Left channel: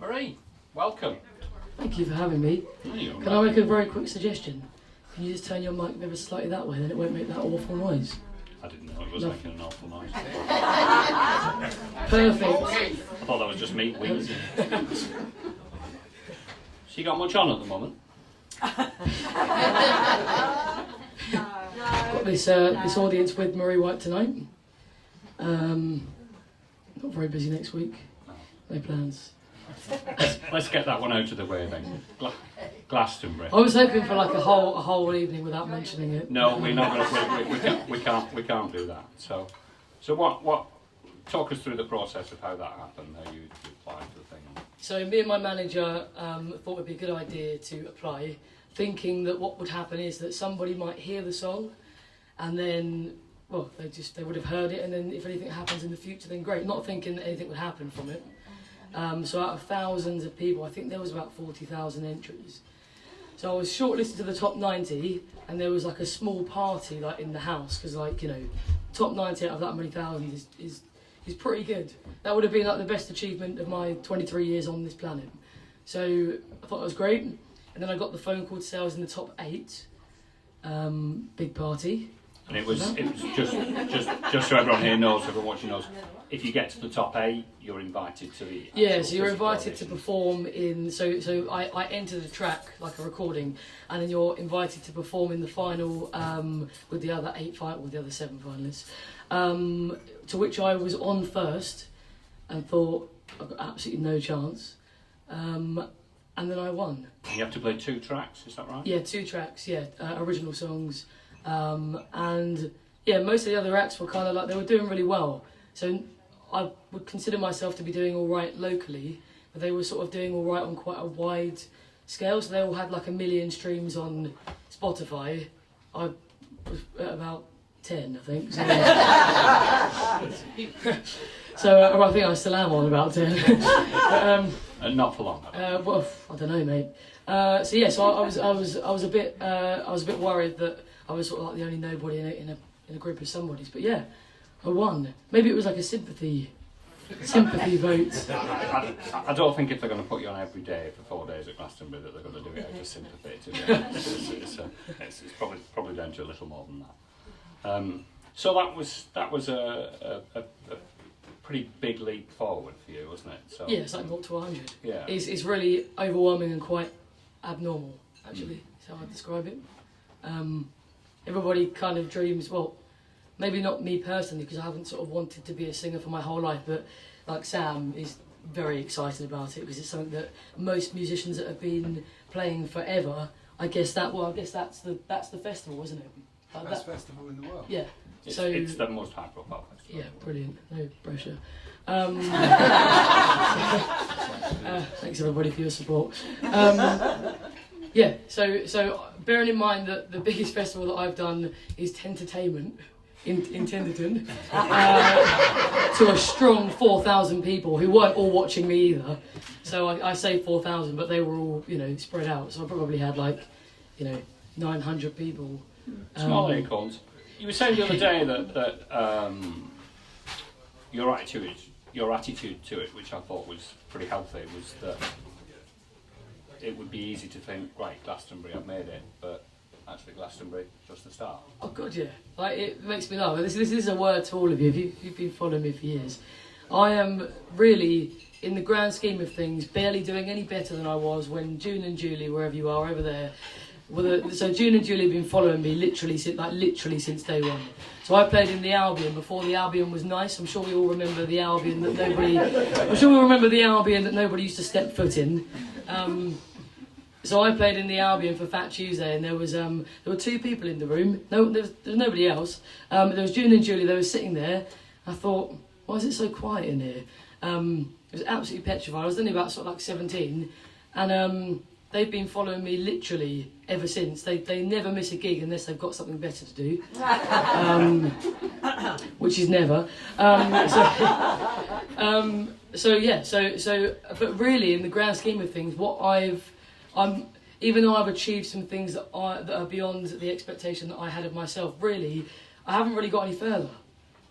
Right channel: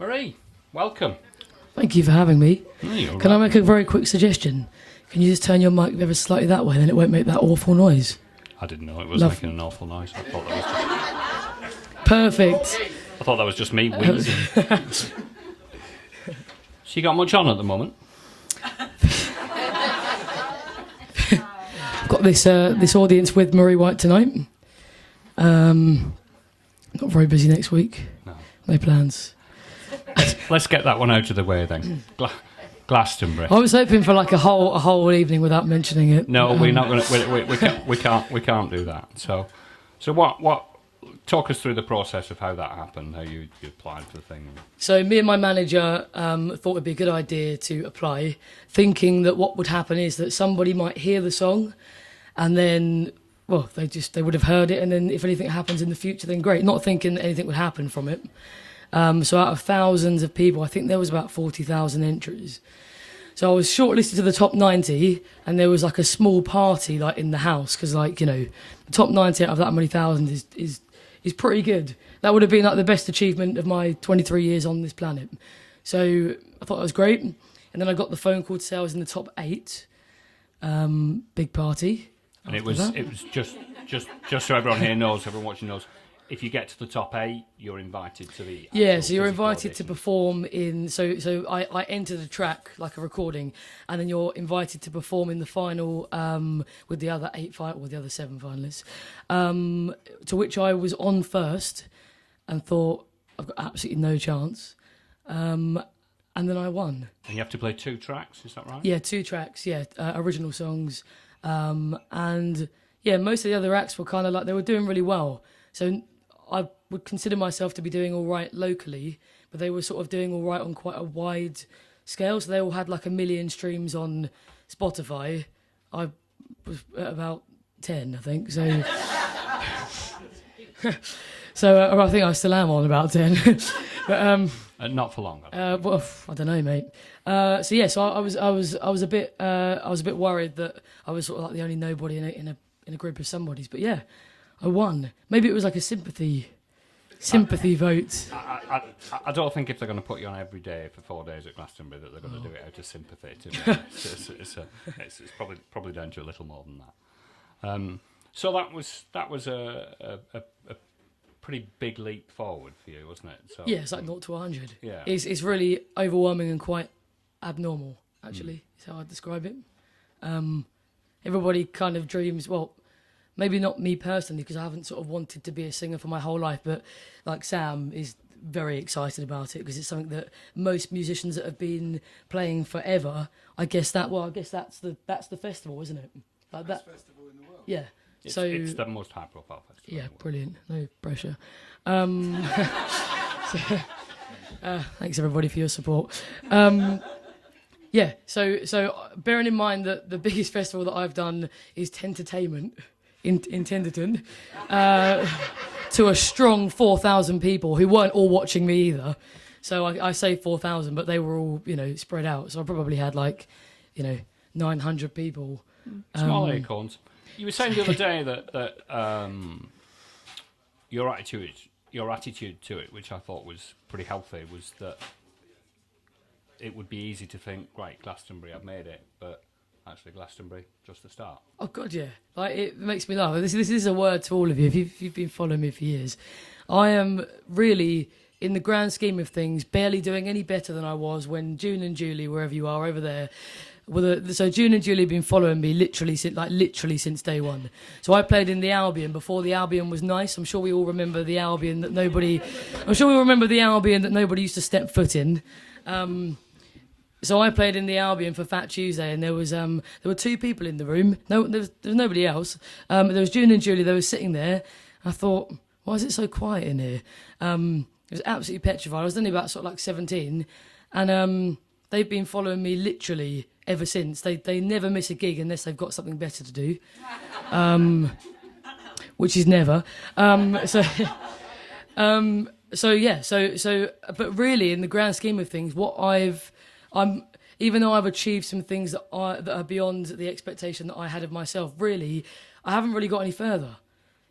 Marie, welcome. Thank you for having me. Can I make a very quick suggestion? Can you just turn your mic ever slightly that way, then it won't make that awful noise? I didn't know it was making an awful noise. Perfect. I thought that was just me wheezing. So you got much on at the moment? I've got this audience with Marie White tonight. Not very busy next week. No plans. Let's get that one out of the way then. Glastonbury. I was hoping for like a whole evening without mentioning it. No, we're not going to. We can't do that. So what? Talk us through the process of how that happened. How you applied for the thing. So me and my manager thought it'd be a good idea to apply, thinking that what would happen is that somebody might hear the song, and then they would have heard it, and then if anything happens in the future, then great. Not thinking that anything would happen from it. So out of thousands of people, I think there was about 40,000 entries. So I was shortlisted to the top 90, and there was like a small party like in the house, because the top 90 out of that many thousand is pretty good. That would have been like the best achievement of my 23 years on this planet. So I thought it was great, and then I got the phone call to say I was in the top 8. Big party. And it was just so everyone here knows, everyone watching knows. If you get to the top 8, you're invited to the... Yeah, so you're invited to perform in... So I entered a track, like a recording, and then you're invited to perform in the final with the other 7 finalists, to which I was on first and thought, I've got absolutely no chance. And then I won. You have to play 2 tracks, is that right? Yeah, 2 tracks, original songs. And yeah, most of the other acts were kind of like, they were doing really well. So I would consider myself to be doing all right locally, but they were sort of doing all right on quite a wide scale. So they all had like 1 million streams on Spotify. I was at about 10, I think. So, so I think I still am on about 10. But, not for long. Well, I don't know, mate. So I was a bit worried that I was sort of like the only nobody in a group of somebodies. But yeah, I won. Maybe it was like a sympathy vote. I don't think if they're going to put you on every day for 4 days at Glastonbury that they're going to do it out of sympathy. It's probably down to a little more than that. So that was a pretty big leap forward for you, wasn't it? So, yeah, it's like 0 to 100. Yeah. It's really overwhelming and quite abnormal, actually. Is how I describe it. Everybody kind of dreams. Well, maybe not me personally, because I haven't sort of wanted to be a singer for my whole life, but like Sam is very excited about it because it's something that most musicians that have been playing forever, I guess that's the festival, isn't it? Like best festival in the world. Yeah. It's it's the most high profile festival. Yeah, brilliant. No pressure. Thanks everybody for your support. So bearing in mind that the biggest festival that I've done is Tentertainment in Tenderton, to a strong 4,000 people who weren't all watching me either. So I say 4,000, but they were all spread out. So I probably had 900 people. Small acorns. You were saying the other day that your attitude to it, which I thought was pretty healthy, was that it would be easy to think, right, Glastonbury, I've made it, but actually Glastonbury, just the start. Oh God, yeah. It makes me laugh. This is a word to all of you. If you've been following me for years, I am really, in the grand scheme of things, barely doing any better than I was when June and Julie, wherever you are over there. So June and Julie have been following me literally since day one. So I played in the Albion before the Albion was nice. I'm sure we all remember the Albion that nobody used to step foot in. So I played in the Albion for Fat Tuesday, and there were 2 people in the room. No, there was nobody else. There was June and Julie. They were sitting there. I thought, why is it so quiet in here? It was absolutely petrified. I was only about sort of like 17, and they've been following me literally ever since. They never miss a gig unless they've got something better to do, which is never. But really, in the grand scheme of things, even though I've achieved some things that are beyond the expectation that I had of myself, really, I haven't really got any further.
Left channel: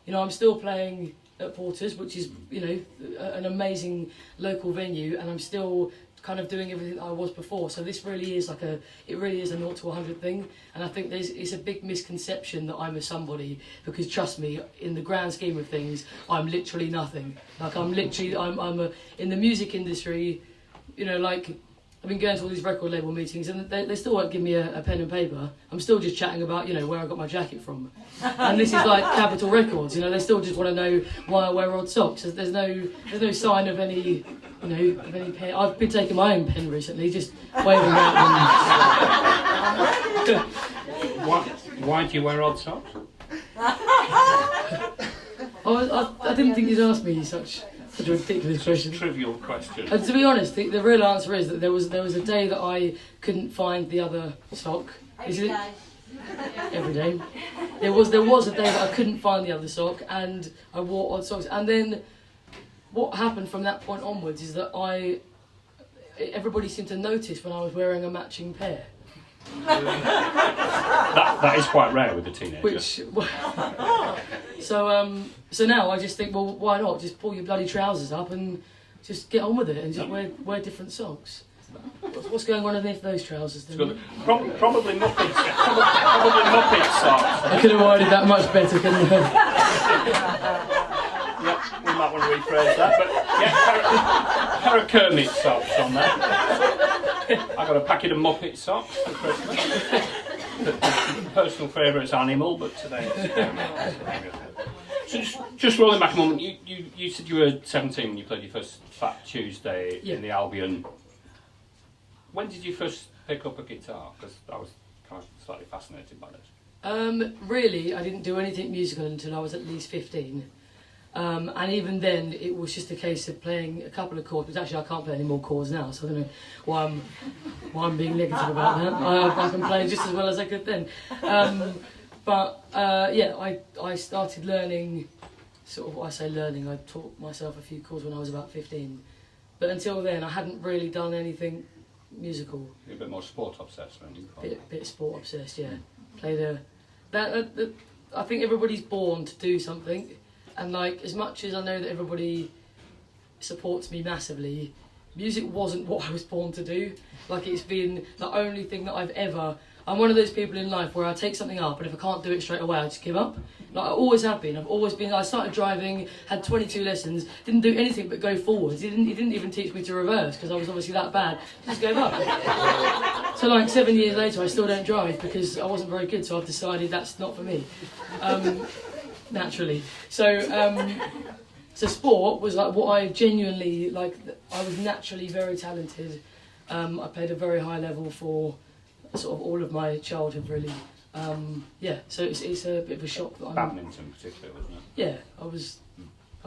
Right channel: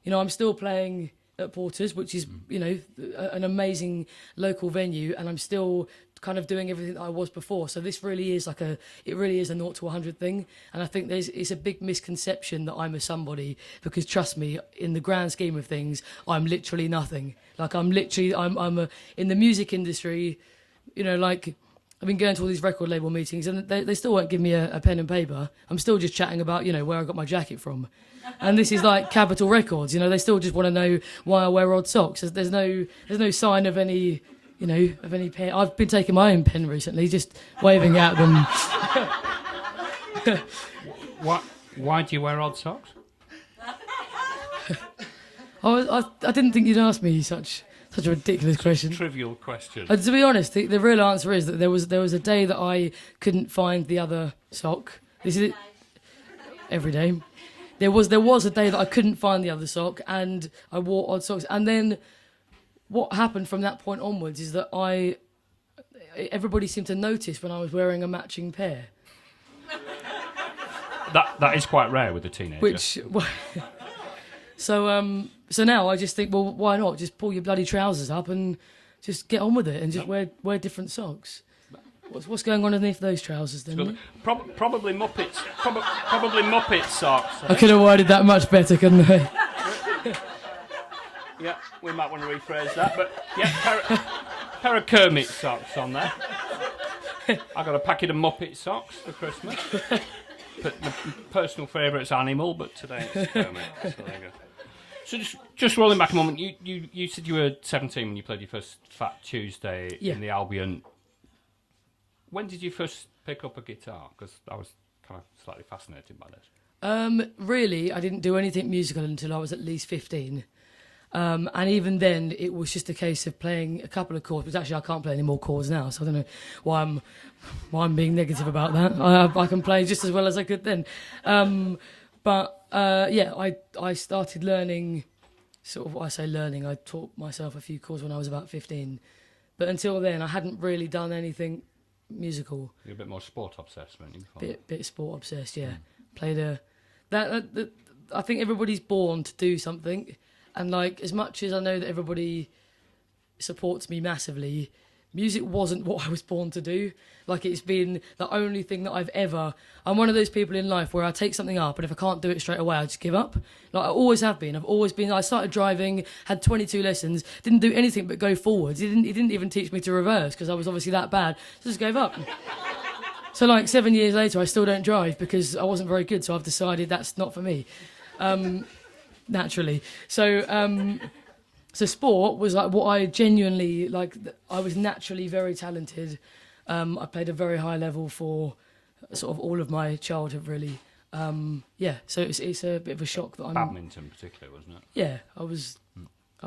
I'm still playing at Porter's, which is, you know, an amazing local venue, and I'm still kind of doing everything that I was before. So this really is like it really is a 0 to 100 thing, and I think it's a big misconception that I'm a somebody, because trust me, in the grand scheme of things, I'm literally nothing. Like I'm in the music industry, you know, like I've been going to all these record label meetings, and they still won't give me a pen and paper. I'm still just chatting about, you know, where I got my jacket from. And this is like Capitol Records, you know, they still just want to know why I wear odd socks. There's no sign of any, you know, of any pen. I've been taking my own pen recently, just waving at them. Why do you wear odd socks? I didn't think you'd ask me such a ridiculous question. Trivial question. To be honest, the real answer is that there was a day that I couldn't find the other sock. Every day. There was a day that I couldn't find the other sock, and I wore odd socks. And then what happened from that point onwards is that everybody seemed to notice when I was wearing a matching pair. That is quite rare with a teenager. So now I just think, well, why not just pull your bloody trousers up and just get on with it and just wear different socks. What's going on underneath those trousers then? Probably Muppets. Probably Muppet socks. I could have worded that much better, couldn't I? Yeah, we might want to rephrase that, but yeah, pair of Kermit socks on there. I got a packet of Muppet socks for Christmas. The personal favourite's Animal, but today it's Kermit. So just rolling back a moment, you said you were 17 when you played your first Fat Tuesday in the Albion. When did you first pick up a guitar? Because I was kind of slightly fascinated by this. Really, I didn't do anything musical until I was at least 15. And even then, it was just a case of playing a couple of chords, because actually I can't play any more chords now, so I don't know why I'm being negative about that. I can play just as well as I could then. I started learning, I taught myself a few chords when I was about 15. But until then, I hadn't really done anything musical. You're a bit more sport obsessed, weren't you? Bit sport obsessed, yeah. Played I think everybody's born to do something, and like as much as I know that everybody supports me massively, music wasn't what I was born to do. Like it's been the only thing that I'm one of those people in life where I take something up, and if I can't do it straight away, I just give up. Like I always have been. I've always been. I started driving, had 22 lessons, didn't do anything but go forwards. He didn't even teach me to reverse because I was obviously that bad. Just gave up. So like 7 years later, I still don't drive because I wasn't very good. So I've decided that's not for me. Naturally. So sport was like what I genuinely like. I was naturally very talented. I played a very high level for sort of all of my childhood, really. So it's a bit of a shock that I'm... Badminton in particular, wasn't it? Yeah, I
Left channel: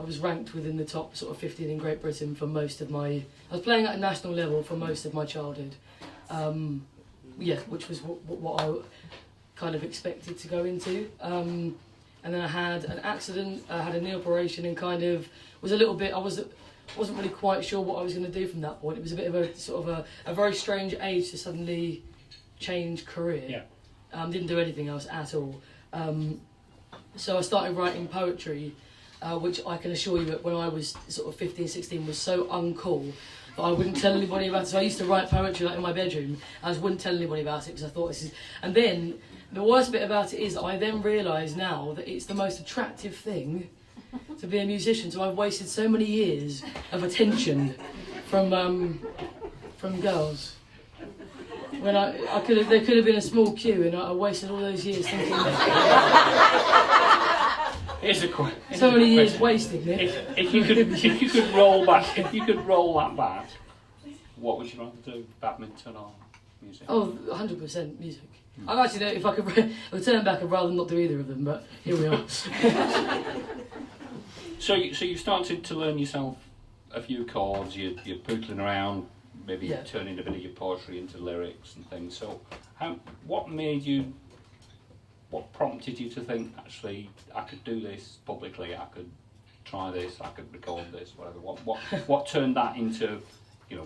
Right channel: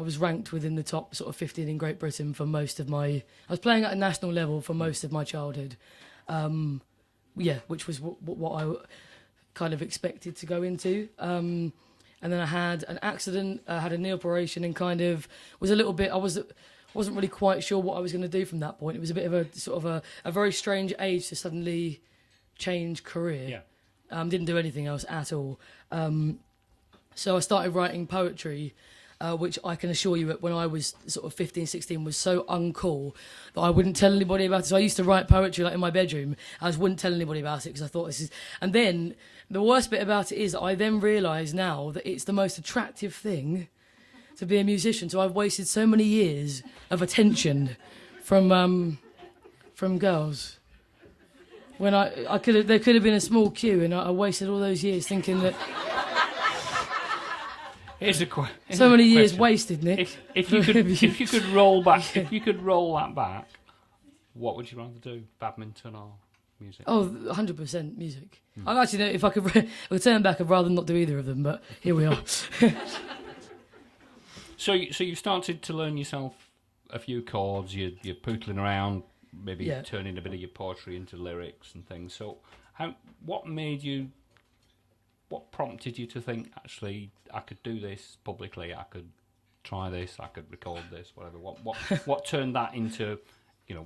was ranked within the top sort of 15 in Great Britain for most of my... I was playing at a national level for most of my childhood. Which was what I kind of expected to go into. And then I had an accident, I had a knee operation, and kind of was a little bit... I wasn't really quite sure what I was going to do from that point. It was a bit of a sort of a very strange age to suddenly change career. Yeah. Didn't do anything else at all. So I started writing poetry, which I can assure you that when I was sort of 15, 16 was so uncool that I wouldn't tell anybody about it. So I used to write poetry like in my bedroom. I just wouldn't tell anybody about it because I thought this is... And then the worst bit about it is that I then realise now that it's the most attractive thing to be a musician. So I've wasted so many years of attention from girls. When there could have been a small queue, and I wasted all those years thinking that. Here's a question. So many years wasted, Nick. If you could roll that back, what would you rather do, badminton or music? Oh, 100% music. I actually know if I could return back, I'd rather not do either of them. But here we are. So you started to learn yourself a few chords. You're pootling around. Maybe turning a bit of your poetry into lyrics and things. So, what prompted you to think, actually, I could do this publicly, I could try this, I could record this, whatever. What turned that into,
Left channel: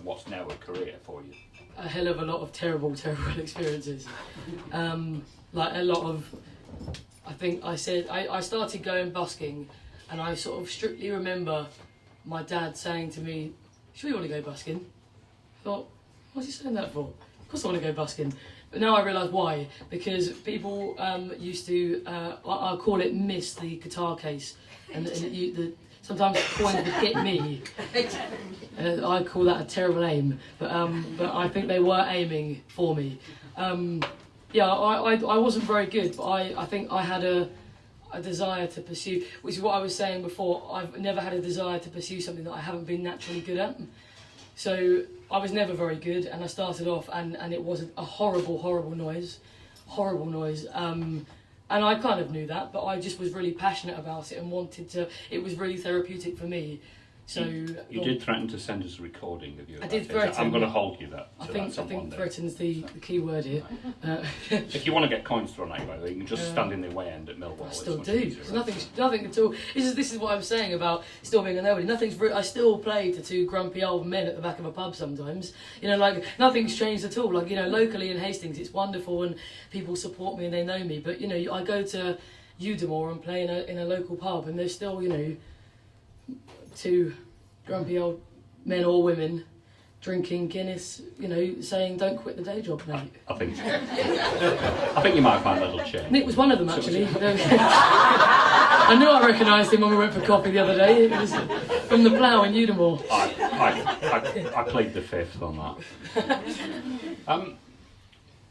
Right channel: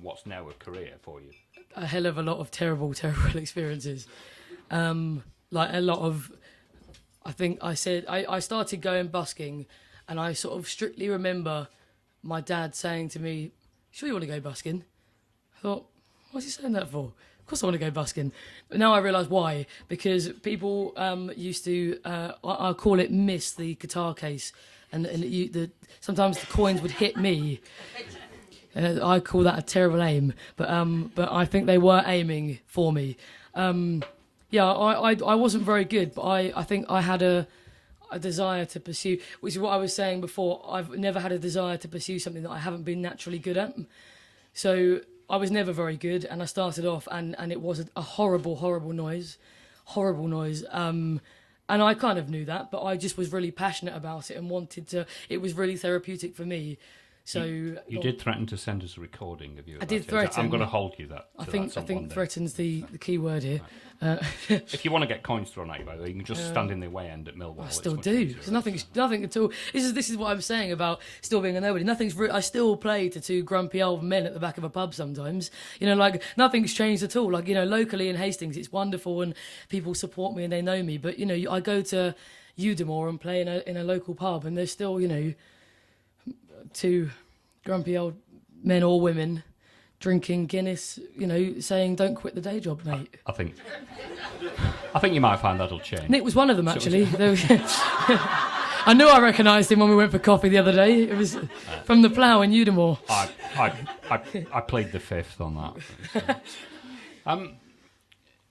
what's now a career for you? A hell of a lot of terrible experiences. Like a lot of, I think I started going busking and I sort of strictly remember my dad saying to me, "Sure you want to go busking?" I thought, what's he saying that for? Of course I want to go busking. But now I realise why. Because people used to, I call it miss the guitar case, and sometimes the coins would hit me. I call that a terrible aim, but I think they were aiming for me. Yeah, I wasn't very good, but I think I had a desire to pursue, which is what I was saying before. I've never had a desire to pursue something that I haven't been naturally good at. So I was never very good, and I started off, and it was a horrible noise. And I kind of knew that, but I just was really passionate about it and wanted to. It was really therapeutic for me. So you did threaten to send us a recording of you. I did threaten. I'm going to hold you that. I think threaten's the key word here. If you want to get coins thrown at you, by the way, you can just stand in the way end at Millwall. I still do. There's nothing at all. This is what I'm saying about still being a nobody. I still play to two grumpy old men at the back of a pub sometimes. You know, like nothing's changed at all. Like, you know, locally in Hastings, it's wonderful and people support me and they know me. But you know, I go to Udimore and play in a local pub, and there's still, you know, two grumpy old men or women drinking Guinness, you know, saying "Don't quit the day job, mate." I think you might find a little change. Nick was one of them, actually. I knew I recognised him when we went for coffee the other day. It was from the Plough in Udimore. I played the fifth on that.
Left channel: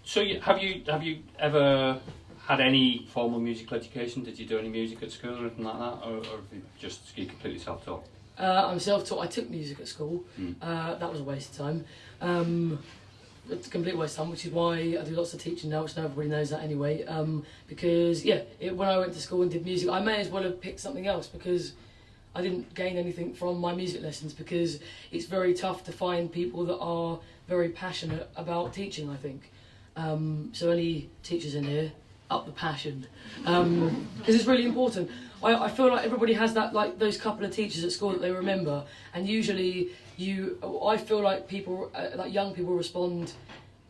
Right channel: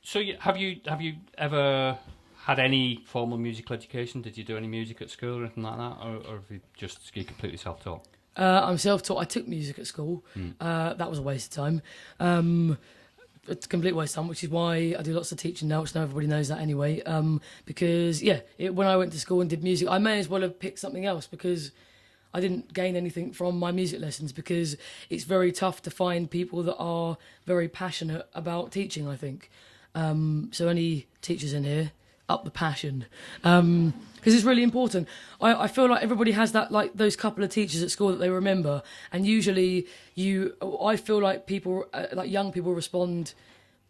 So have you ever had any formal musical education? Did you do any music at school or anything like that, or have you just completely self-taught? I'm self-taught. I took music at school. That was a waste of time. It's a complete waste of time, which is why I do lots of teaching now, which now everybody knows that anyway. Because, when I went to school and did music, I may as well have picked something else because I didn't gain anything from my music lessons, because it's very tough to find people that are very passionate about teaching, I think. So any teachers in here, up the passion, because it's really important. I feel like everybody has that, like those couple of teachers at school that they remember, and usually I feel like people, like young people, respond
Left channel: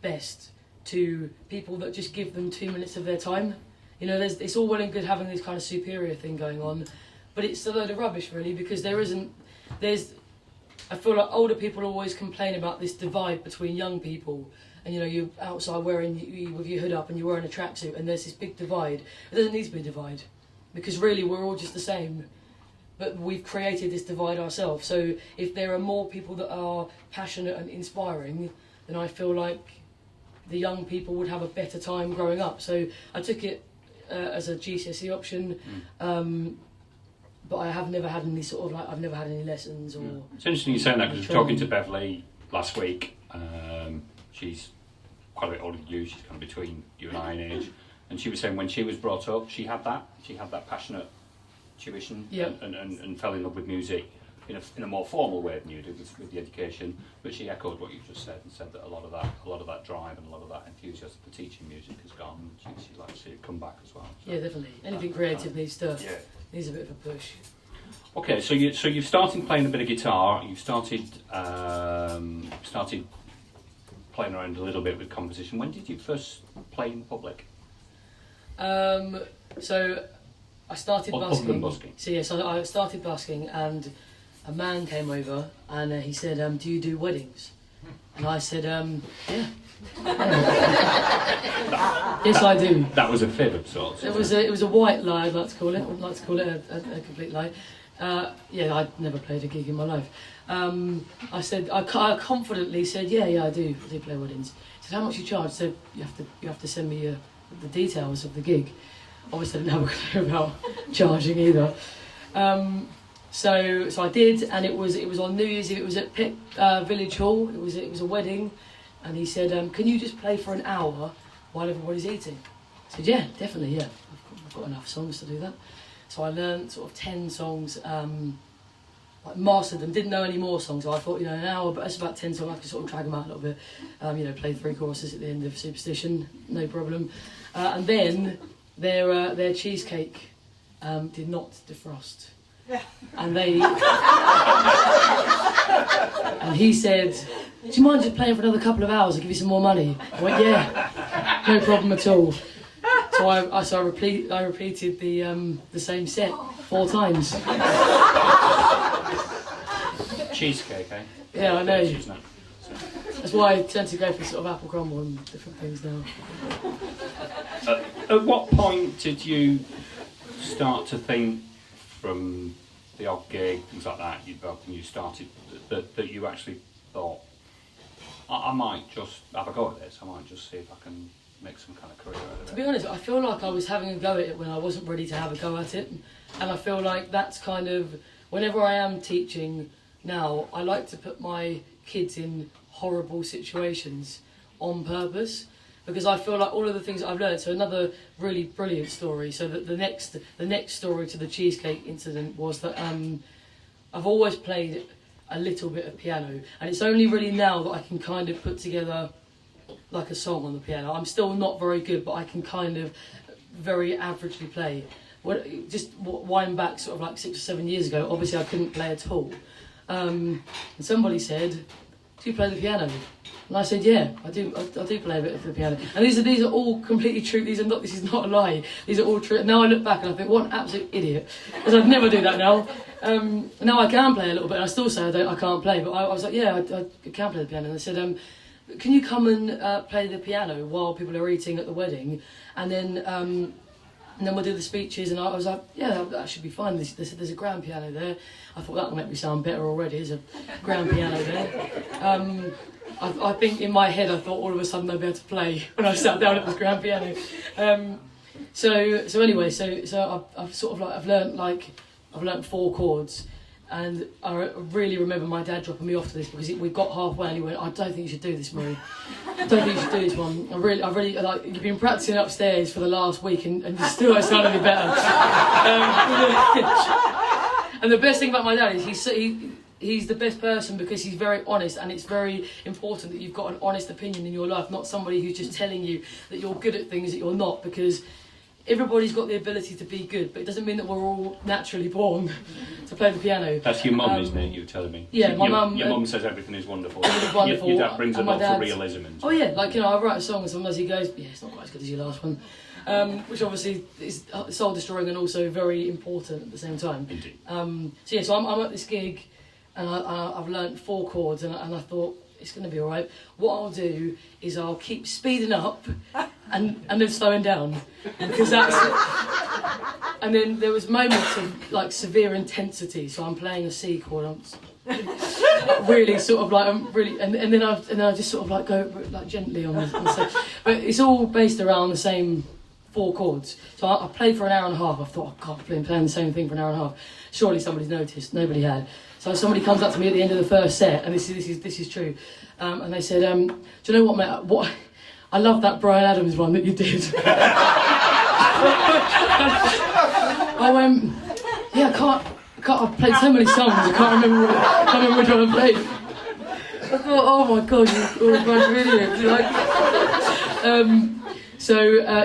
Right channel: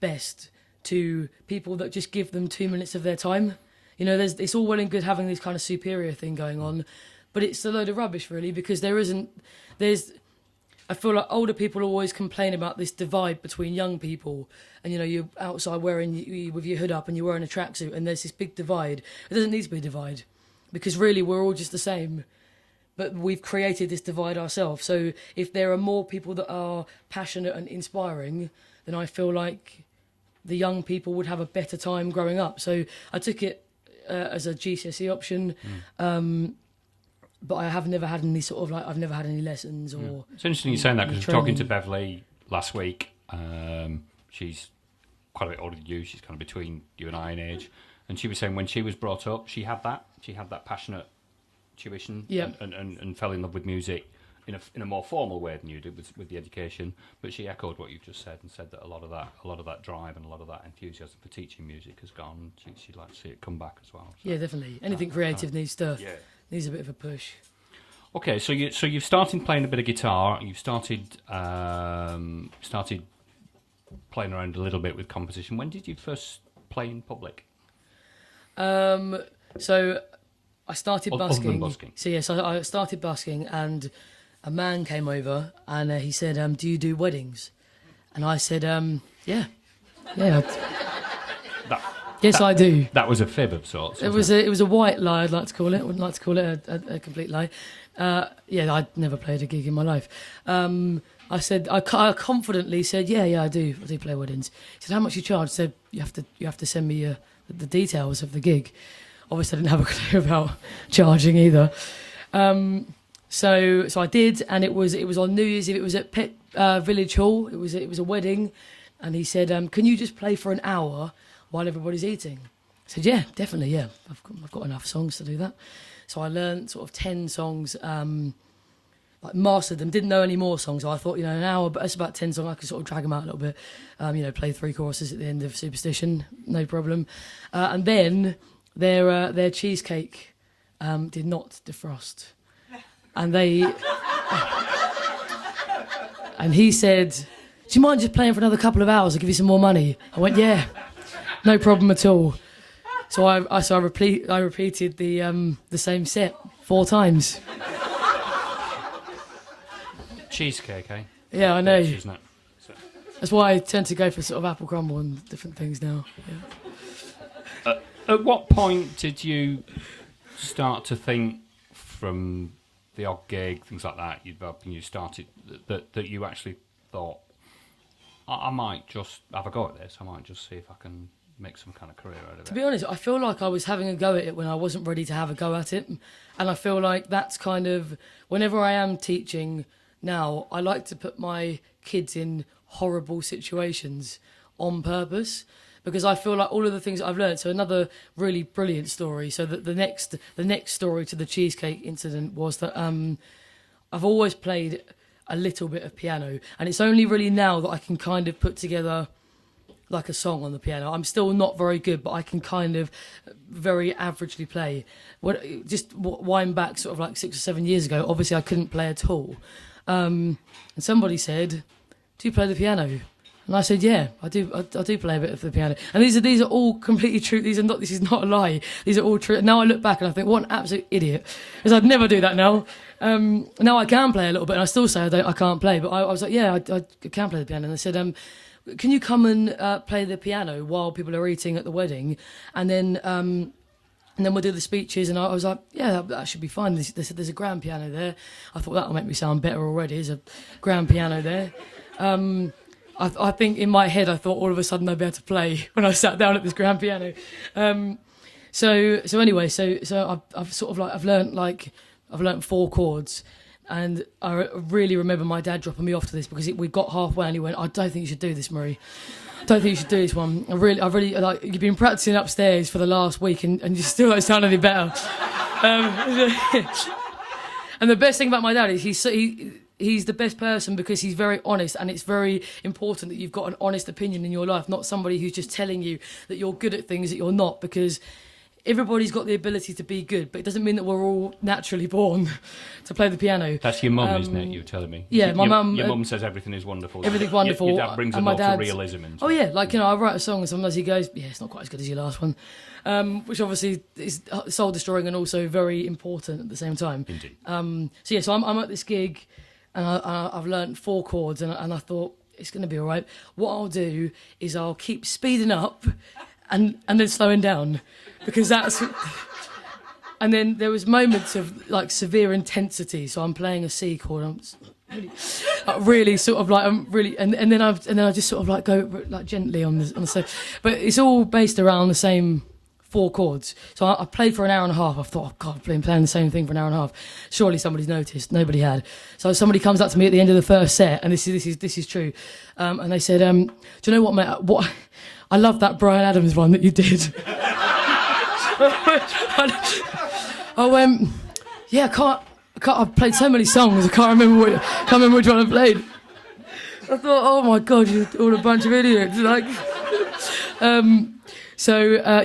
best to people that just give them 2 minutes of their time. You know, it's all well and good having this kind of superior thing going on, but it's a load of rubbish really, because I feel like older people always complain about this divide between young people. And you know, you're outside with your hood up and you're wearing a tracksuit, and there's this big divide. It doesn't need to be a divide, because really we're all just the same. But we've created this divide ourselves. So if there are more people that are passionate and inspiring, then I feel like the young people would have a better time growing up. So I took it as a GCSE option, but I have never had any sort of I've never had any lessons or. It's interesting you saying that, because I was talking to Beverly last week. She's quite a bit older than you. She's kind of between you and I in age, and she was saying when she was brought up, she had that passionate tuition, and fell in love with music in a more formal way than you did with the education. But she echoed what you've just said and said that a lot of that drive and a lot of that enthusiasm for teaching music has gone. She'd like to see it come back as well. So, yeah, definitely. Anything creative needs a bit of a push. Okay, so you've started playing a bit of guitar. You've started playing around a little bit with composition. When did you first play in public? So I started busking. Other than busking. So yes, I started busking, and a man came over and he said, "Do you do weddings?" And I said, "Yeah." Yes, I do. That was a fib of sorts. It was a white lie, I'd like to call it. I wouldn't like to call it a complete lie. I'd never played a gig in my life. I confidently said, yeah, I do play weddings. He said, how much you charge? I said, you have to send me the details of the gig. Obviously I didn't have a clue about charging either. So I did, and it was on New Year's Eve. It was at Pitt Village Hall. It was a wedding, and he said, can you just play for an hour while everybody's eating? I said, yeah, definitely, yeah. I've got enough songs to do that. So I learned sort of 10 songs, mastered them, didn't know any more songs. So I thought, an hour, but that's about 10 songs, I could sort of drag them out a little bit. Play 3 choruses at the end of Superstition, no problem. And then their cheesecake did not defrost. And and he said, do you mind just playing for another couple of hours? I'll give you some more money. I went, yeah, no problem at all. So I repeated the same set 4 times. Cheesecake, eh? Yeah, I know. Isn't it? That's why I tend to go for sort of apple crumble and different things now. At what point did you start to think, from the odd gig, things like that, you started, that you actually thought, I might just have a go at this, I might just see if I can make some kind of career out of it? To be honest, I feel like I was having a go at it when I wasn't ready to have a go at it. And I feel like that's kind of, whenever I am teaching now, I like to put my kids in horrible situations on purpose, because I feel like all of the things that I've learned. So another really brilliant story. So that the next story to the cheesecake incident was that I've always played a little bit of piano, and it's only really now that I can kind of put together like a song on the piano. I'm still not very good, but I can kind of very averagely play. Just wind back sort of like 6 or 7 years ago, obviously I couldn't play at all. And somebody said, "Do you play the piano?" And I said, "Yeah, I do play a bit of the piano." And these are all completely true. This is not a lie. These are all true. Now I look back and I think, what an absolute idiot, because I'd never do that now. Now I can play a little bit, and I still say I can't play, but I was like, yeah, I can play the piano. And they said, "Can you come and play the piano while people are eating at the wedding, and then we'll do the speeches?" And I was like, yeah, that should be fine. They said there's a grand piano there. I thought that'll make me sound better already. There's a grand piano there. I think in my head I thought all of a sudden I'd be able to play when I sat down at this grand piano. So anyway, I've sort of like I've learnt 4 chords, and I really remember my dad dropping me off to this, because we got halfway and he went, "I don't think you should do this, Marie. I don't think you should do this one. I really like, you've been practicing upstairs for the last week and you still don't sound any better." And the best thing about my dad is he's the best person, because he's very honest, and it's very important that you've got an honest opinion in your life, not somebody who's just telling you that you're good at things that you're not, because everybody's got the ability to be good, but it doesn't mean that we're all naturally born to play the piano. That's your mum, isn't it, you were telling me? Yeah, my mum... Your mum says everything is wonderful. Everything's wonderful. Your dad brings a lot of realism into it. Oh yeah, like, I write a song and sometimes he goes, "Yeah, it's not quite as good as your last one." Which obviously is soul destroying and also very important at the same time. Indeed. So I'm at this gig, and I've learnt 4 chords, and I thought, it's going to be all right. What I'll do is I'll keep speeding up and then slowing down, because that's... And then there was moments of like severe intensity, so I'm playing a C chord, I'm really sort of like, I'm really, and then I just sort of like go like gently on the so, but it's all based around the same 4 chords. So I played for an hour and a half. I thought, oh God, I've been playing the same thing for an hour and a half. Surely somebody's noticed. Nobody had. So somebody comes up to me at the end of the first set, and this is true, and they said, "Do you know what, mate? What I love that Bryan Adams one that you did." Yeah, I can't. I've played so many songs. I can't remember which one I played. I thought, oh my God, you're all a bunch of idiots. So I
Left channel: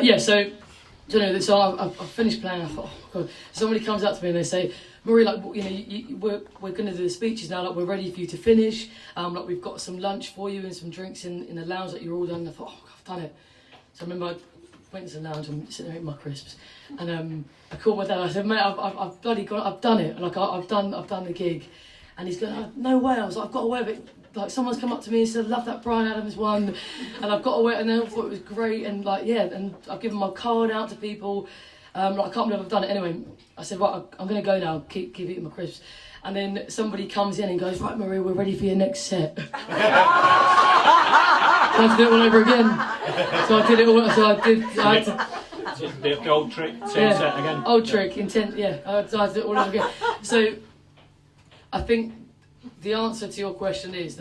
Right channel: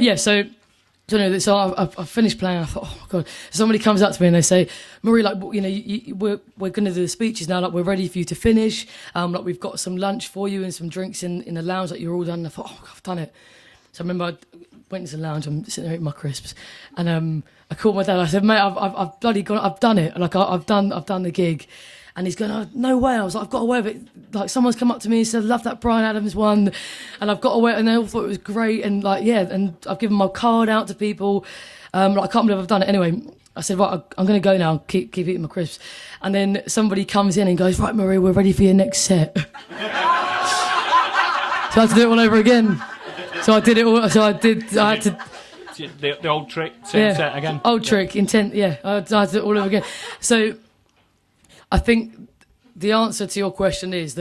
finished playing. I thought, oh my God. Somebody comes up to me and they say, "Marie, like, we're going to do the speeches now. Like, we're ready for you to finish. Like, we've got some lunch for you and some drinks in the lounge. Like, you're all done." And I thought, oh my God, I've done it. So I remember I went into the lounge. I'm sitting there eating my crisps, and I called my dad. I said, "Mate, I've bloody gone. I've done it. Like, I've done the gig." And he's going, "Oh, no way." I was like, "I've got away with it. Like, someone's come up to me and said, 'Love that Bryan Adams one,' and I've got away." And they all thought it was great. And like, yeah, and I've given my card out to people. Like, I can't believe I've done it. Anyway, I said, "Right, I'm going to go now. Keep eating my crisps." And then somebody comes in and goes, "Right, Marie, we're ready for your next set." So I had to do it all over again. So I did it all. So I had to. The old trick, same set again. Old trick, intent. Yeah, I had to do it all over again. So I think the answer to your question is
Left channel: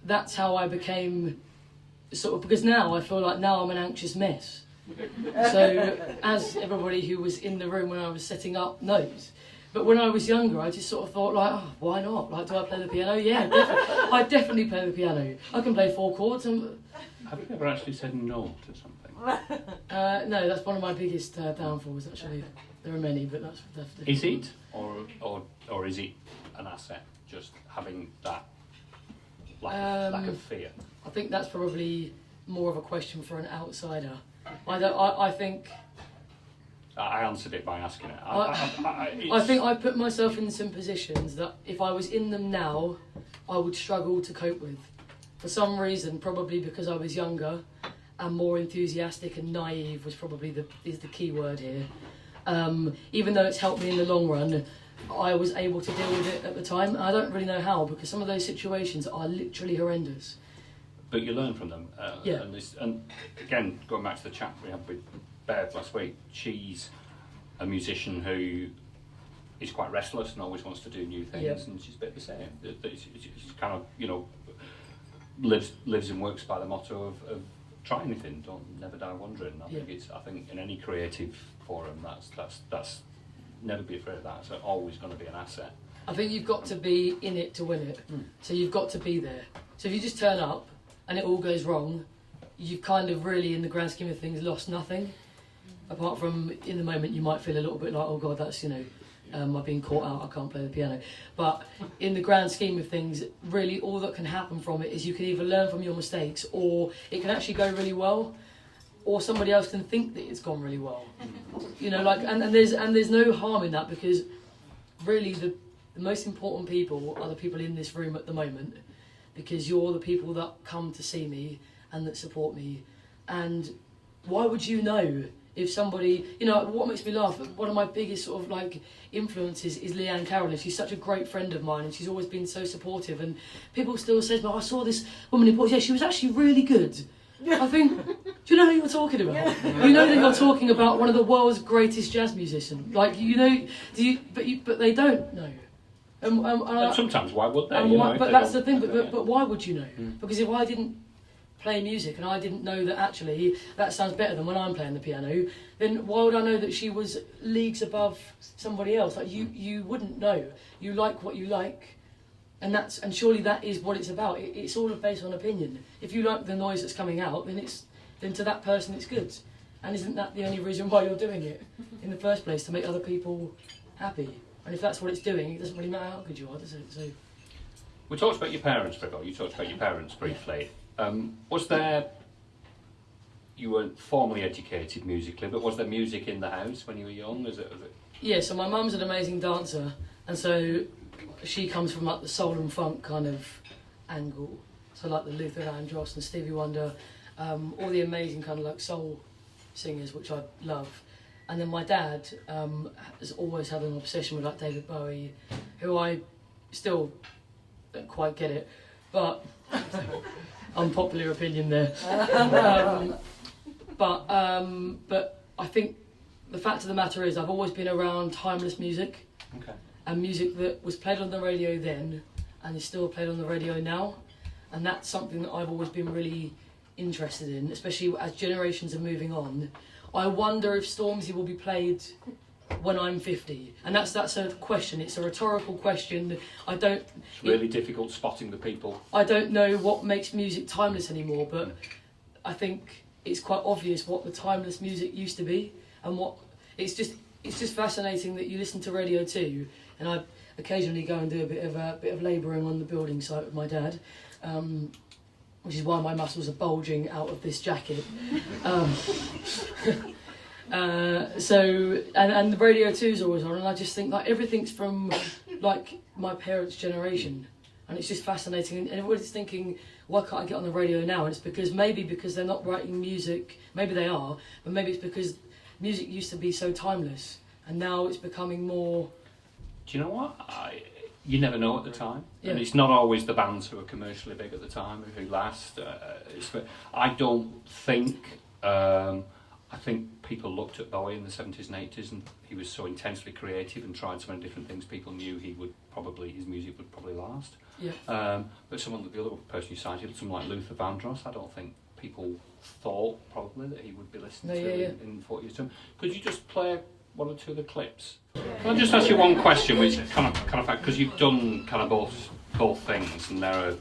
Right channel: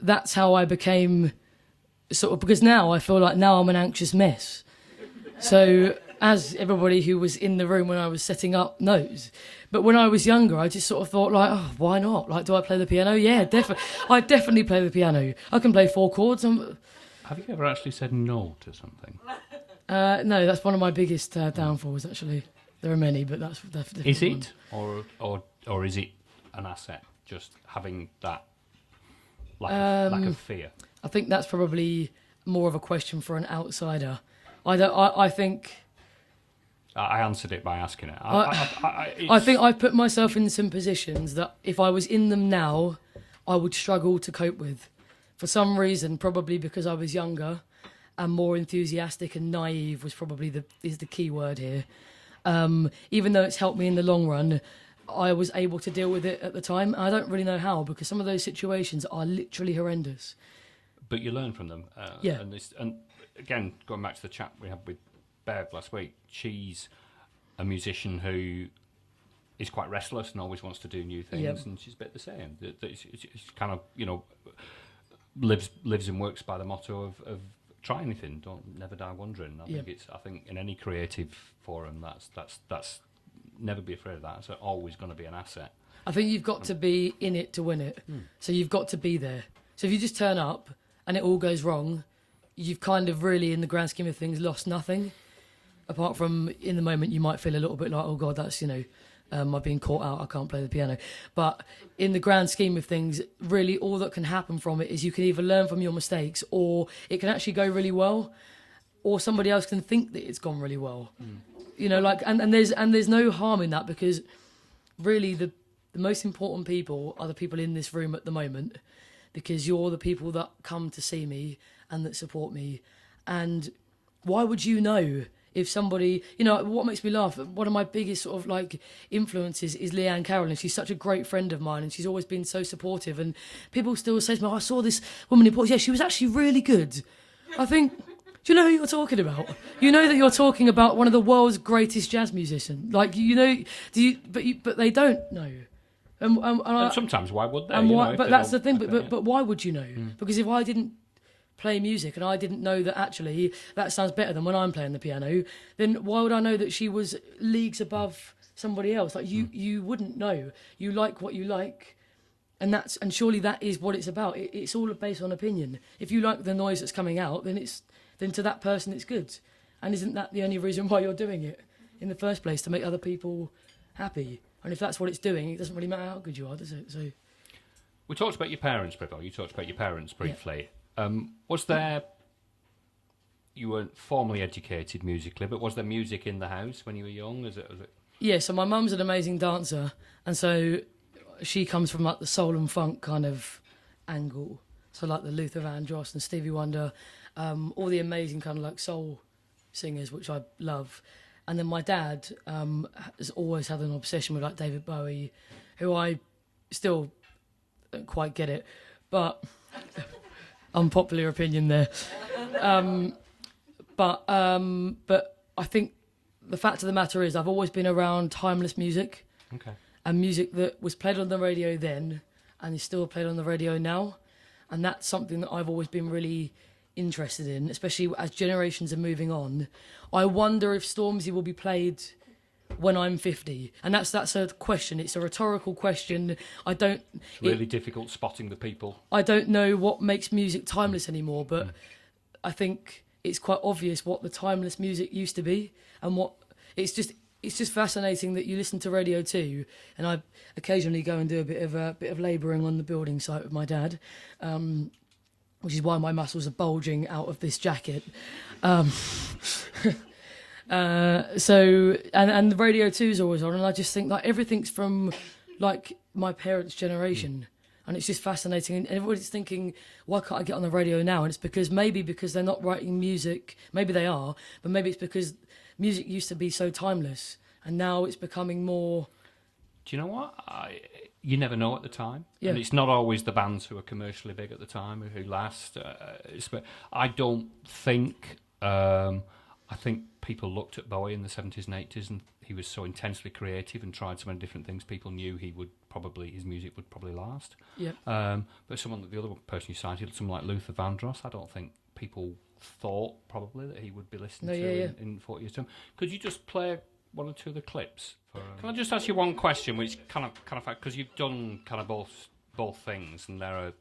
that's how I became sort of, because now I feel like now I'm an anxious mess. So as everybody who was in the room when I was setting up knows. But when I was younger, I just sort of thought, like, oh, why not? Like, do I play the piano? Yeah, definitely. I definitely play the piano. I can play 4 chords. Have you ever actually said no to something? No, that's one of my biggest downfalls, actually. There are many, but that's Is it? Or is it an asset, just having that lack of fear? I think that's probably more of a question for an outsider. I think I answered it by asking it. I think I've put myself in some positions that if I was in them now, I would struggle to cope with. For some reason, probably because I was younger and more enthusiastic and naive was probably the key word here. Even though it's helped me in the long run, I was able to deal with it at the time. I don't really know how, because some of those situations are literally horrendous. But you learn from them. Yeah. And again, going back to the chat we had with Bev last week, she's a musician who is quite restless and always wants to do new things, Yeah. and she's a bit the same. She's kind of, lives and works by the motto of try anything, never die wondering. I think in any creative forum, that's never be afraid of that. It's always going to be an asset. I think you've got to be in it to win it. So you've got to be there. So if you just turn up and it all goes wrong, you've kind of really, in the grand scheme of things, lost nothing. Apart from, in the moment, you might feel a little bit like, oh God, that's, I've been caught out, I can't play the piano. But in the grand scheme of things, really all that can happen from it is you can either learn from your mistakes, or it can actually go really well, or somebody else can think that it's gone really well. And there's no harm in that, because really the most important people are the people in this room at the moment, because you're the people that come to see me and that support me. And why would you know if somebody, what makes me laugh, one of my biggest sort of influences is Leanne Carroll. She's such a great friend of mine, and she's always been so supportive, and people still say to me, I saw this woman in Portsmouth, she was actually really good. I think, do you know who you're talking about? You know that you're talking about one of the world's greatest jazz musicians. But they don't know. And sometimes why would they? But that's the thing. But why would you know? Because if I didn't play music and I didn't know that actually that sounds better than when I'm playing the piano, then why would I know that she was leagues above somebody else? You wouldn't know. You like what you like, and surely that is what it's about. It's all based on opinion. If you like the noise that's coming out, then to that person it's good. And isn't that the only reason why you're doing it in the first place, to make other people happy? And if that's what it's doing, it doesn't really matter how good you are, does it? So we talked about your parents, Gregor. You talked about your parents briefly. Was there, you weren't formally educated musically, but was there music in the house when you were young? Yeah, so my mum's an amazing dancer, and so she comes from the soul and funk kind of angle. So the Luther Vandross and Stevie Wonder, all the amazing kind of soul singers, which I love. And then my dad has always had an obsession with David Bowie, who I still don't quite get it, but unpopular opinion there. But I think the fact of the matter is I've always been around timeless music, and music that was played on the radio then and is still played on the radio now, and that's something that I've always been really interested in, especially as generations are moving on. I wonder if Stormzy will be played when I'm 50, and that's a question. It's a rhetorical question. It's really difficult spotting the people. I don't know what makes music timeless anymore, but I think it's quite obvious what the timeless music used to be, and what it's just fascinating that you listen to Radio 2, and I occasionally go and do a bit of labouring on the building site with my dad. Which is why my muscles are bulging out of this jacket. And the Radio 2's always on, and I just think everything's from my parents' generation, and it's just fascinating. And everybody's thinking, why can't I get on the radio now? And it's because they're not writing music. Maybe they are, but maybe it's because music used to be so timeless, and now it's becoming more. Do you know what? You never know at the time. Yeah. And it's not always the bands who are commercially big at the time who last. I don't think. I think people looked at Bowie in the 70s and 80s, and he was so intensely creative and tried so many different things. People knew his music would probably last. Yeah. But the other person you cited, someone like Luther Vandross, I don't think people thought probably that he would be listened to in 40 years' time. Could you just play one or two of the clips? Can I just ask you one question, which kind of because you've done kind of both things, and they're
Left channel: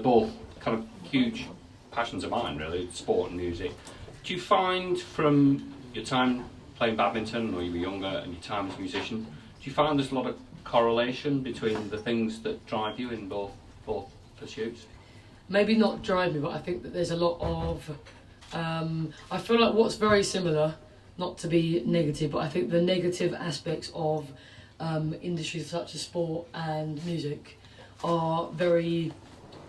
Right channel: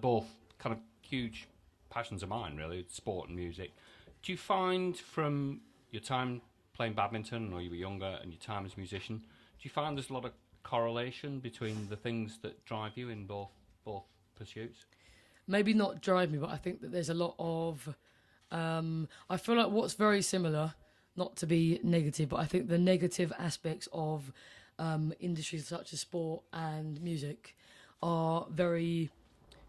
both kind of huge passions of mine, really, sport and music. Do you find from your time playing badminton, or you were younger, and your time as a musician, do you find there's a lot of correlation between the things that drive you in both pursuits? Maybe not drive me, but I think that there's a lot of. I feel like what's very similar not to be negative, but I think the negative aspects of industries such as sport and music are very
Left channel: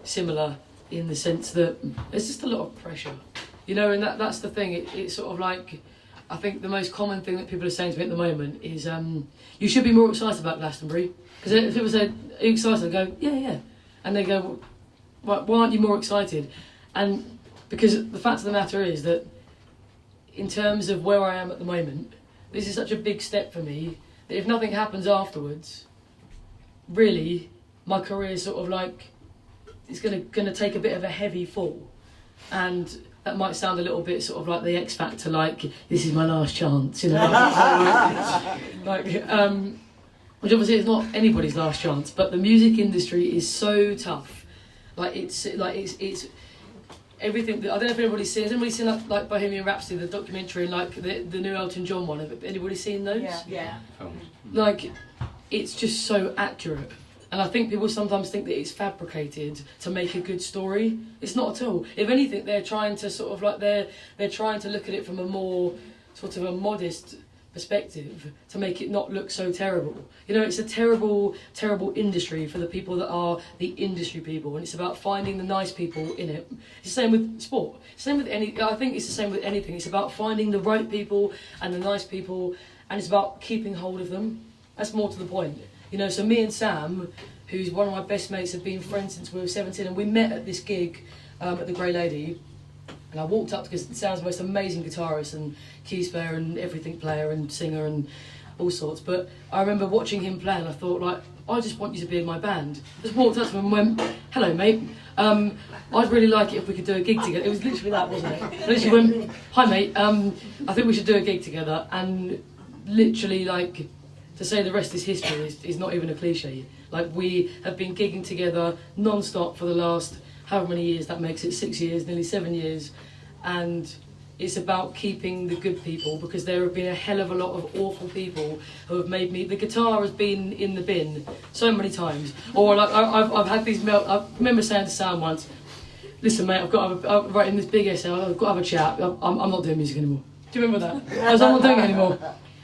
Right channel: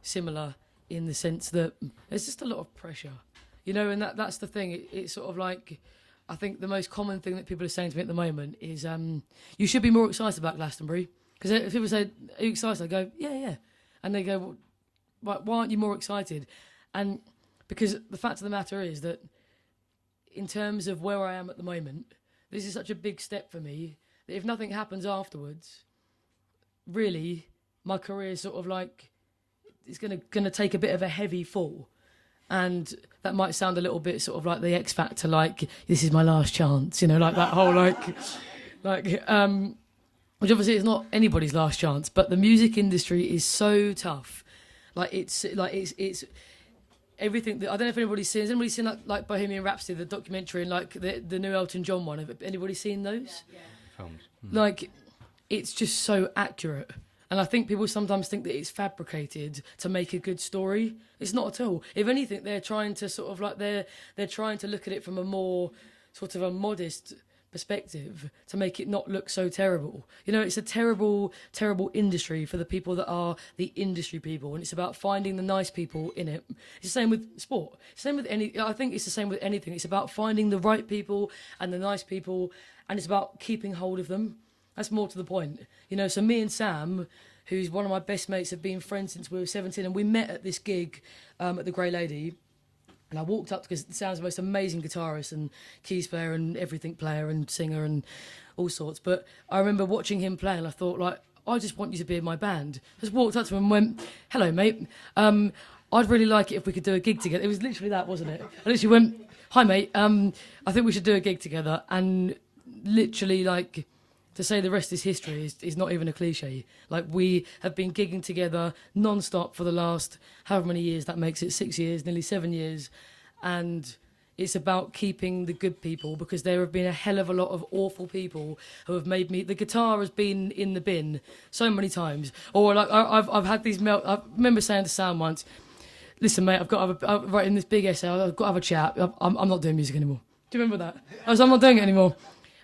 similar in the sense that there's just a lot of pressure, you know, and that's the thing. It's sort of like, I think the most common thing that people are saying to me at the moment is, you should be more excited about Glastonbury. Because if people say, are you excited? I go, yeah. And they go, well, why aren't you more excited? And because the fact of the matter is that in terms of where I am at the moment, this is such a big step for me that if nothing happens afterwards, really, my career is sort of like, it's gonna take a bit of a heavy fall. And that might sound a little bit sort of like the X Factor, like, this is my last chance, you know, like that whole, which obviously is not anybody's last chance, but the music industry is so tough. It's everything. I don't know if anybody's seen. Has anybody seen like Bohemian Rhapsody, the documentary, like the new Elton John one? Have anybody seen those? Yeah. Like, it's just so accurate. And I think people sometimes think that it's fabricated to make a good story. It's not at all. If anything, they're trying to sort of like they're trying to look at it from a more sort of a modest perspective to make it not look so terrible. You know, it's a terrible, terrible industry for the people that are the industry people, and it's about finding the nice people in it. It's the same with sport. Same with I think it's the same with anything. It's about finding the right people and the nice people, and it's about keeping hold of them. That's more to the point. You know, so me and Sam, who's one of my best mates, have been friends since we were 17, and we met at this gig at the Grey Lady. And I walked up because Sam's the most amazing guitarist and keys player and everything player and singer and all sorts. But I remember watching him play and I thought, like, I just want you to be in my band. Just walked up to him and went, hello, mate. I'd really like it if we could do a gig together. It was literally that, wasn't it? I literally went, hi, mate. I think we should do a gig together. And literally, like, to say the rest is history is not even a cliche. Like, we have been gigging together non-stop for the last however many years, that makes it 6 years, nearly 7 years, and it's about keeping the good people, because there have been a hell of a lot of awful people who have made me, the guitar has been in the bin so many times, or like I've had these I remember saying to Sam once, listen mate, I'm writing this big essay, I've got to have a chat, I'm not doing music anymore. Do you remember that? I was like, I'm not doing it anymore.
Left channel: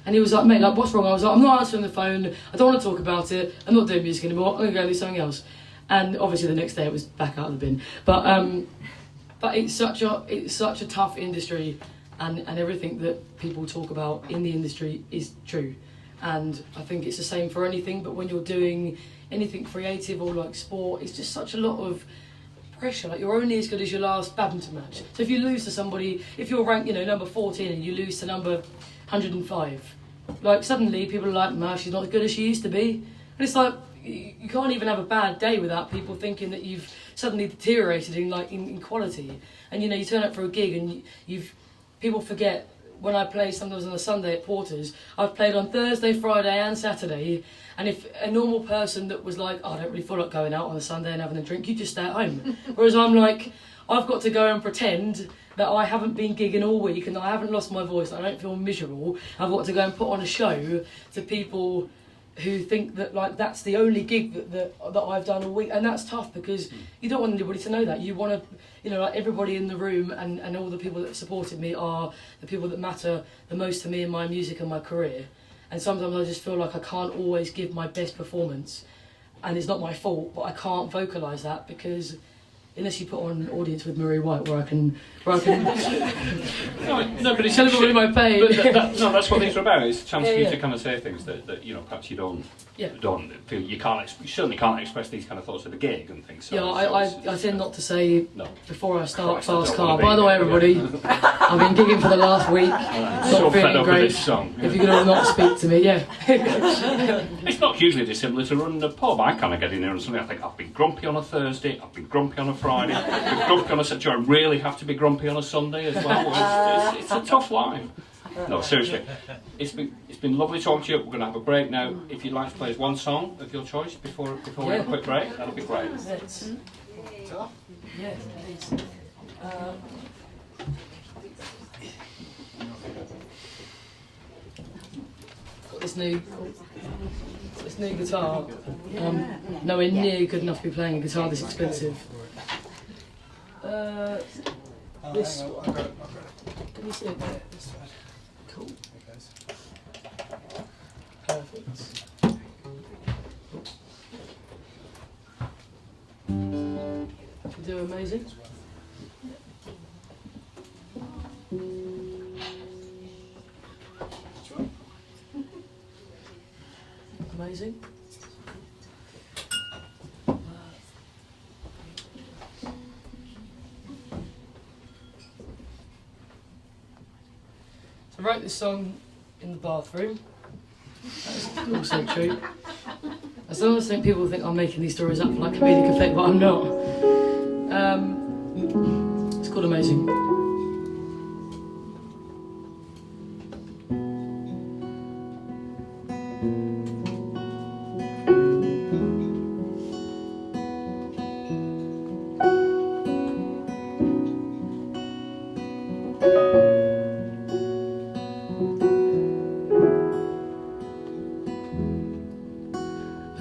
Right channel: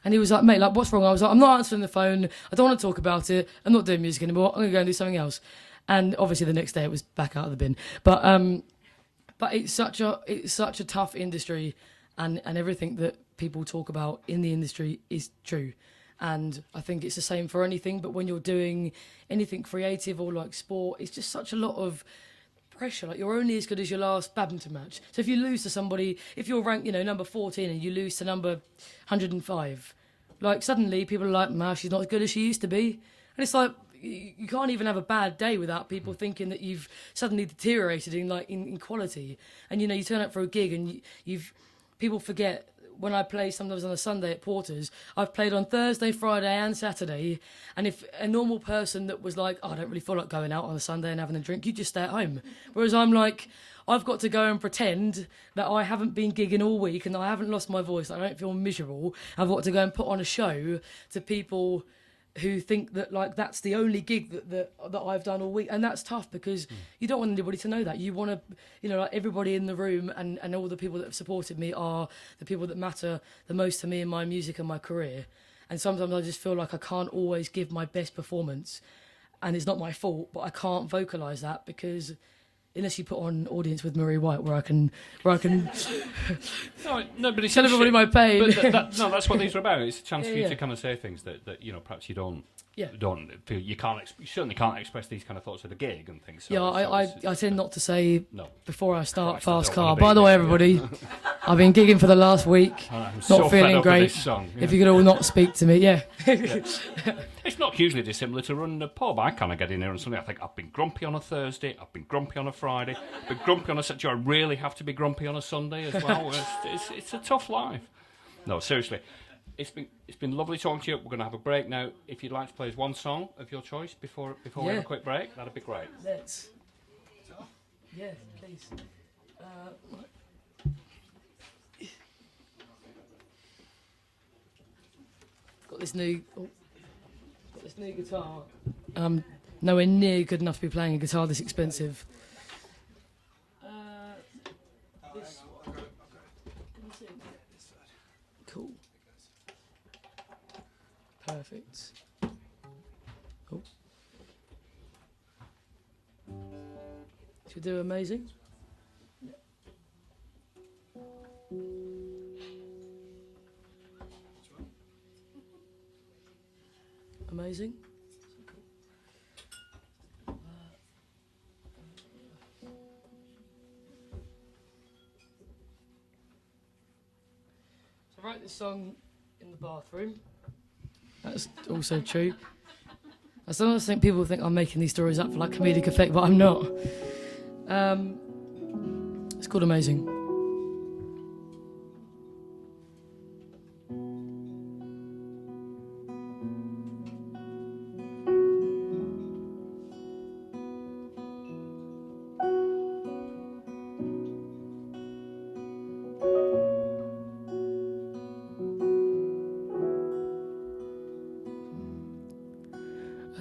And he was like, mate, like, what's wrong? I was like, I'm not answering the phone, I don't want to talk about it, I'm not doing music anymore, I'm going to go do something else. And obviously the next day it was back out of the bin. But it's such a tough industry, and everything that people talk about in the industry is true. And I think it's the same for anything, but when you're doing anything creative or like sport, it's just such a lot of pressure. Like, you're only as good as your last badminton match. So if you lose to somebody, if you're ranked, you know, number 14 and you lose to number 105, like, suddenly people are like, man, she's not as good as she used to be. And it's like, you can't even have a bad day without people thinking that you've suddenly deteriorated in quality. And you know, you turn up for a gig and people forget, when I play sometimes on a Sunday at Porter's, I've played on Thursday, Friday and Saturday, and if a normal person that was like, oh, I don't really feel like going out on a Sunday and having a drink, you just stay at home. Whereas I'm like, I've got to go and pretend that I haven't been gigging all week and I haven't lost my voice, I don't feel miserable. I've got to go and put on a show to people who think that, like, that's the only gig that I've done all week, and that's tough because you don't want anybody to know that. You want to, you know, like, everybody in the room and all the people that supported me are the people that matter the most to me in my music and my career. And sometimes I just feel like I can't always give my best performance, and it's not my fault, but I can't vocalise that because unless you put on an audience with Murray White where I can no, but it's tell everybody my pain. But that's what these are about. It's a chance for you to kind of say things that you know, perhaps you don't feel you certainly can't express these kind of thoughts at a gig and things. So, I tend not to say before I start Fast Car. Be. By the way, everybody, I've been gigging for the last week. Not feeling great. If you could all not speak to me, It's not hugely dissimilar to running a pub. I kind of get in there on Sunday. I think I've been grumpy on a Thursday. I've been grumpy on a Friday. I've been grumpy on a Saturday. I really have to be grumpy on a Sunday as well. It's a tough life. No, seriously. It's been lovely talking to you. We're going to have a break now. If you'd like to play us one song of your choice before we have a quick break, that'd be great. Please. Got this new guitar. Nowhere near good enough to be playing a guitar this expensive. This one. Can you see it there? Cool. Perfect. Should we do amazing? Amazing. So I wrote this song in the bathroom. That's also true. I sometimes think people think I'm making these stories up for like comedic effect, but I'm not. It's called Amazing.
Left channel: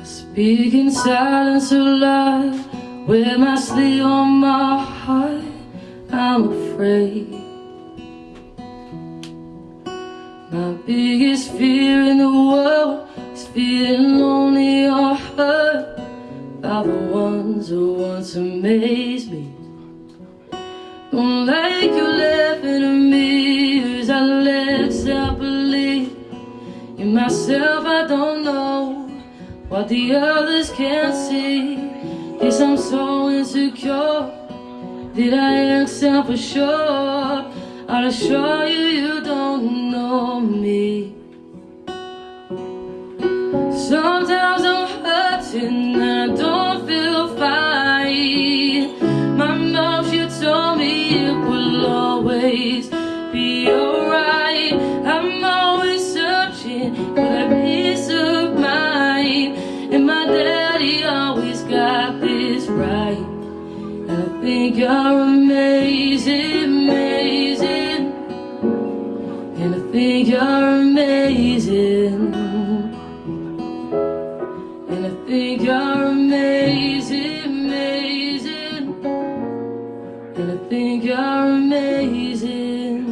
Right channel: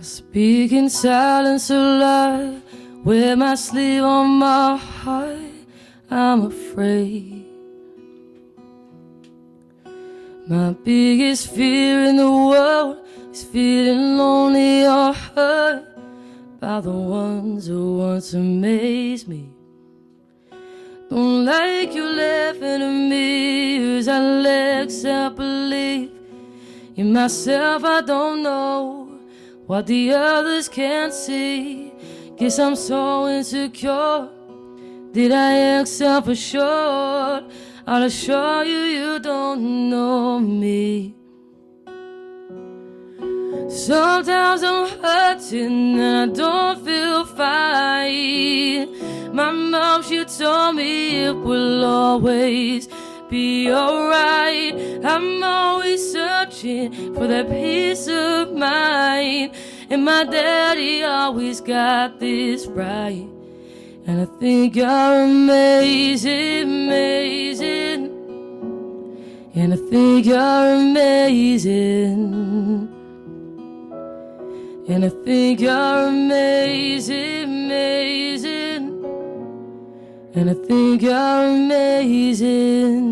Speak in silence alive, with my sleeve on my heart, I'm afraid. My biggest fear in the world is feeling lonely or hurt by the ones who once amazed me. Don't like you laughing at me, as I let self-believe in myself. I don't know what the others can't see. Guess I'm so insecure. Did I act self-assured? I'll assure you, you don't know me. Sometimes I'm hurting, I don't feel fine. My mom, she told me it will always be alright. I'm always searching for that peace of mind, and my daddy always got this right. And I think you're amazing, amazing. And I think you're amazing. And I think you're amazing, amazing. And I think you're amazing.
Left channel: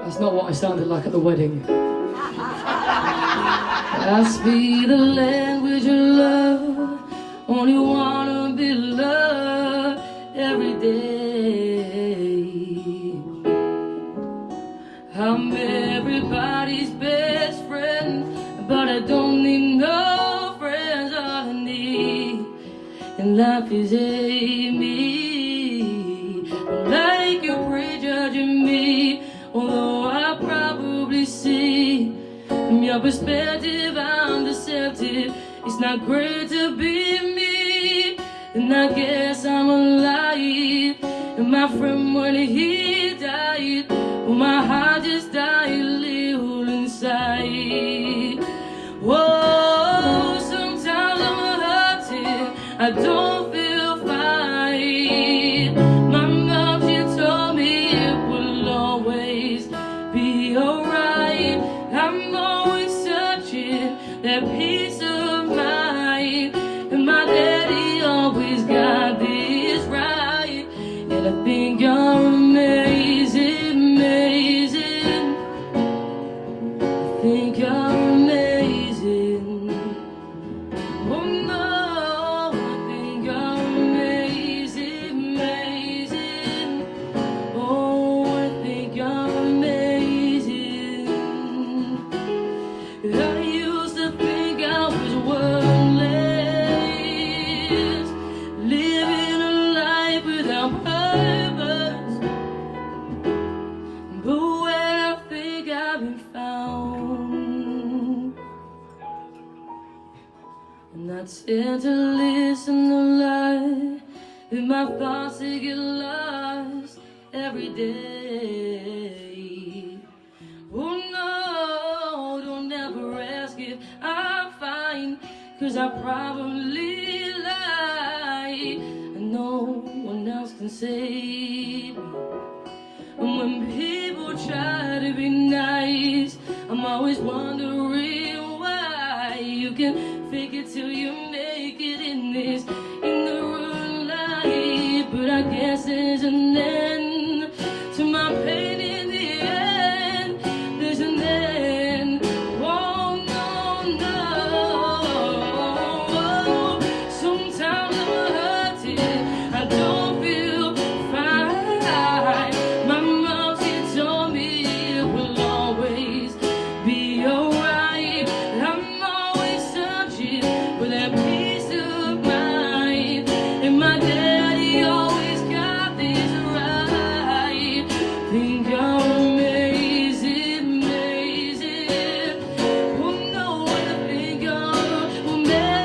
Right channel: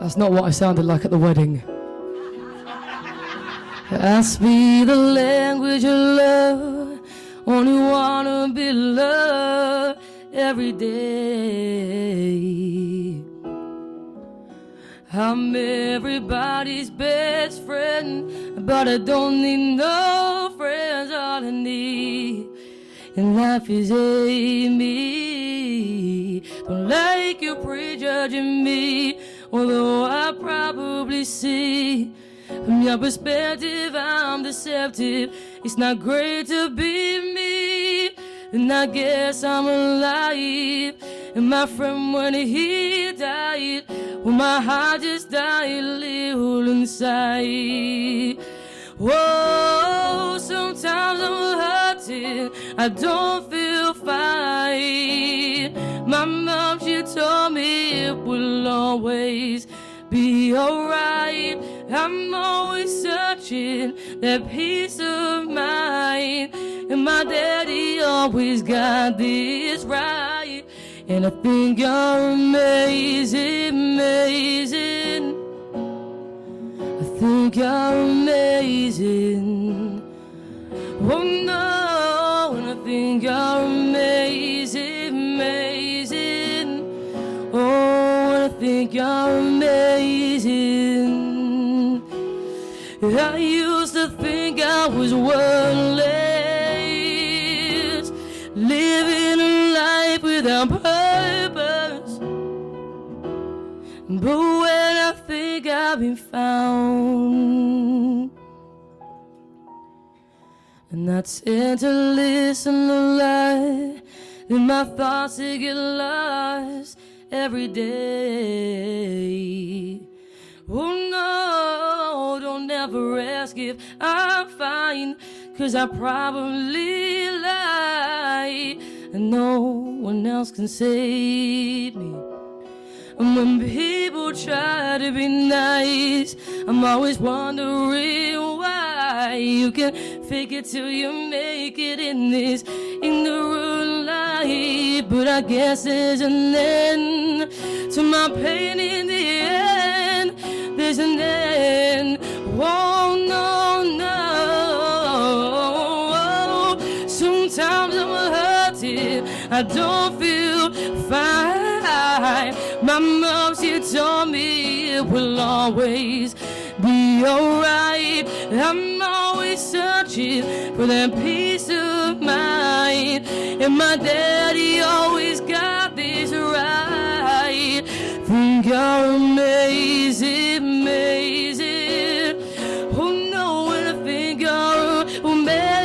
That's not what I sounded like at the wedding. Ask me the language of love, only wanna be loved every day. I'm everybody's best friend, but I don't need no friends. All I need in life is me. Don't like you prejudging me, although I probably see from your perspective I'm deceptive. It's not great to be me, and I guess I'm alive. And my friend, when he died, well, my heart just died a little inside. Whoa, sometimes I'm hurting, I don't feel fine. My mom, she told me it will always be alright. I'm always searching that peace of mind, and my daddy always got this right. And I think you're amazing, amazing. I think you're amazing. Oh no, I think you're amazing, amazing. Oh, I think you're amazing. I used to think I was worthless, living a life without purpose. But when I think I've been found, and I tend to listen a lot, and my thoughts they get lost every day. Oh no, don't ever ask if I'm fine, 'cause I probably lie, and no one else can save me. And when people try to be nice, I'm always wondering why. You can fake it till you make it in this ignorant light. But I guess there's an end to my pain in the end. There's an end. Oh no, no. Sometimes I'm hurting, I don't feel fine. My mom, she told me it will always be alright. I'm always searching for that peace of mind, and my daddy always got this right. Think you're amazing, amazing. Oh no, when I think you're amazing.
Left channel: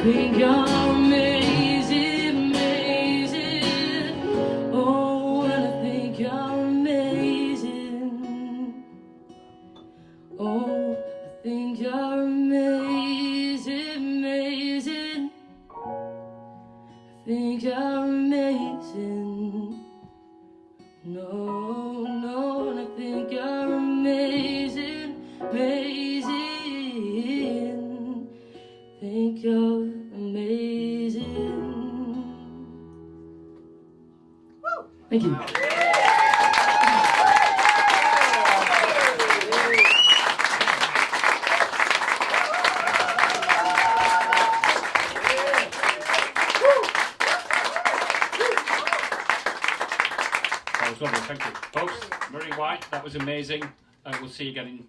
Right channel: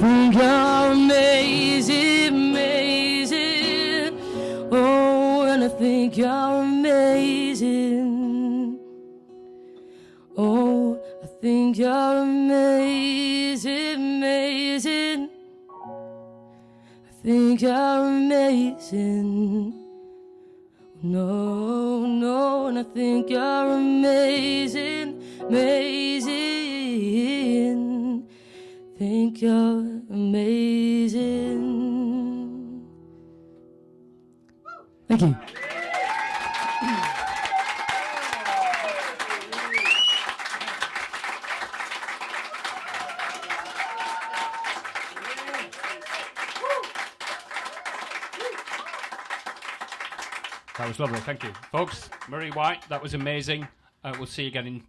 Think you're amazing, amazing. Oh, and I think you're amazing. Oh, I think you're amazing, amazing. I think you're amazing. No, no, and I think you're amazing, amazing. Think you're amazing. Thank you. That was lovely, thank you. Folks, Marie White, that was amazing. We'll see you again in